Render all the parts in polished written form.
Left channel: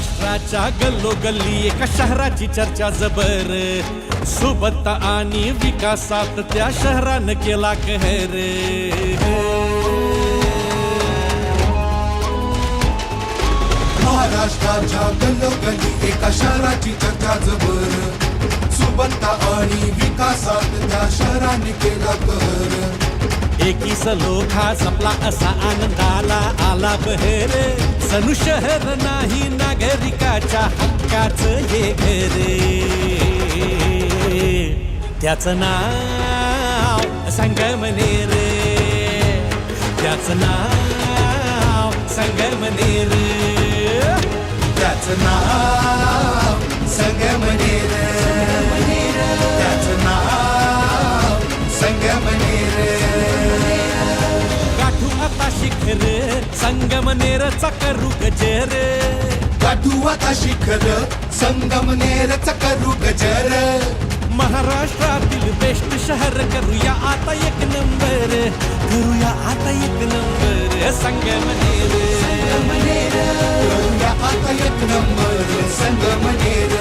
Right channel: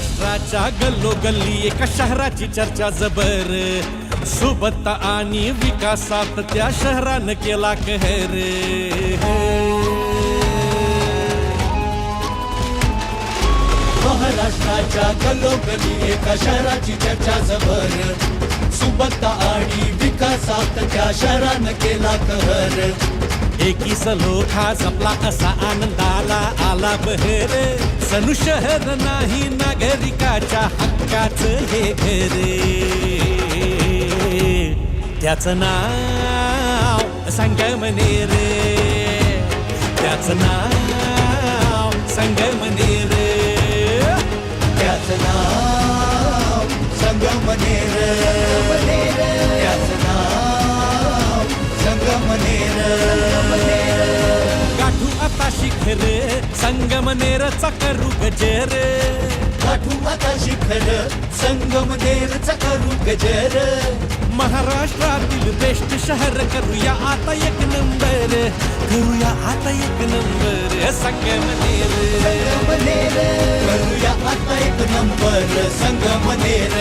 महाराष्ट्राच्या गल्लोगल्ली एका शहराची चर्चा जबर. सुबत्ता आणि विकासात त्या शहरानं केला कहर. महाराष्ट्राच्या गल्लोगल्ली एका शहराची चर्चा जबर. सुबत्ता आणि विकासात त्या शहरानं केला कहर. एकीस लोखा जपला असा आनंदाला आला बहर. सनु शहर नाही नागरिकाच्या हक्काचं हे घर. त्याचं नाव संगमनेर. त्याचं नाव संगमनेर. त्याचं नाव संगमनेर. त्याचं नाव संगमनेर. गाठू आता शिखर संगमनेरचा करू गजर. गाठू आता शिखर संगमनेरचा करू गजर. महाराष्ट्रातील बेस्ट शहर करूया आता एक नंबर. करूया आता एक नंबर संगमनेर. करूया आता एक नंबर संगमनेर.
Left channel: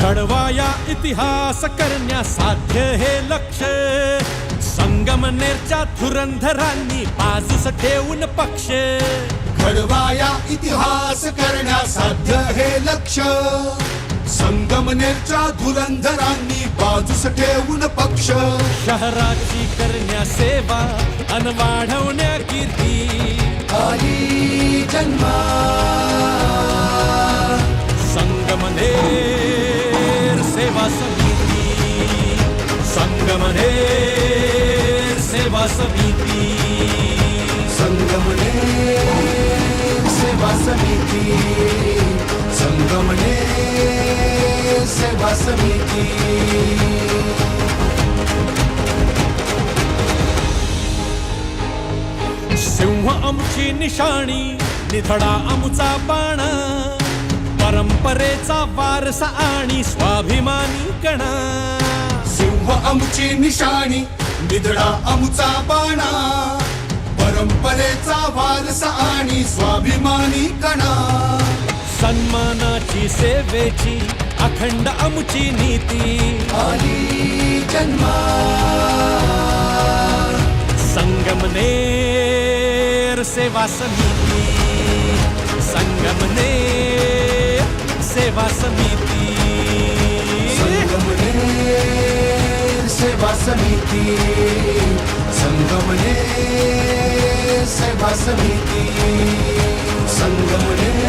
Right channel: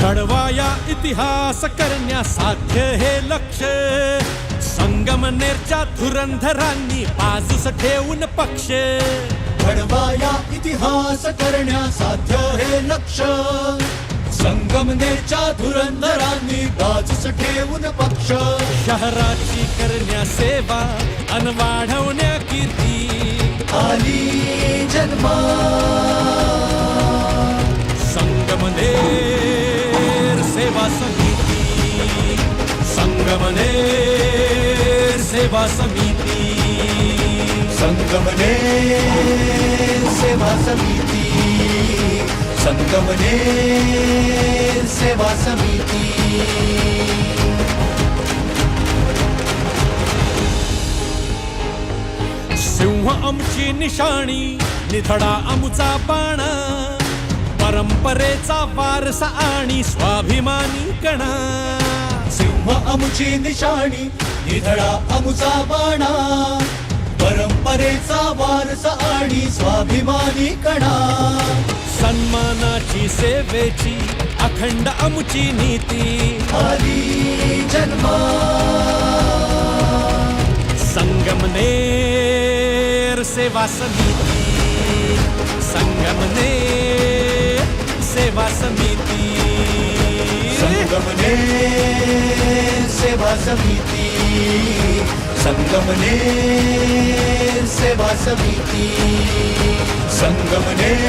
घडवाया इतिहास करण्यासाध्य हे लक्ष. संगमनेरच्या धुरंधरांनी बाजूस ठेवून पक्ष. घडवाया इतिहास करण्यासाध्य हे लक्ष. संगमनेरच्या धुरंधरांनी बाजूस ठेवून पक्ष. शहराची करण्या सेवा अन वाढवण्या कीर्ती आली जन्मा. संगमनेर सेवा समिती. संगमनेर सेवा समिती. संगमनेर सेवा समिती. संगमनेर सेवा समिती. सिंह आमची निशाणी निधडा आमुचा बाणा. परंपरेचा वारसा आणि स्वाभिमानी कणा. सिंह आमची निशाणी निधडा आमुचा बाणा. परंपरेचा वारसा आणि स्वाभिमानी कणा. सन्मानाची सेवेची अखंड आमुची नीती. आली जन्मा. संगमनेर सेवा समिती. संगमनेर सेवा समिती. संगमनेर सेवा समिती. संगमनेर सेवा समिती. संगमनेर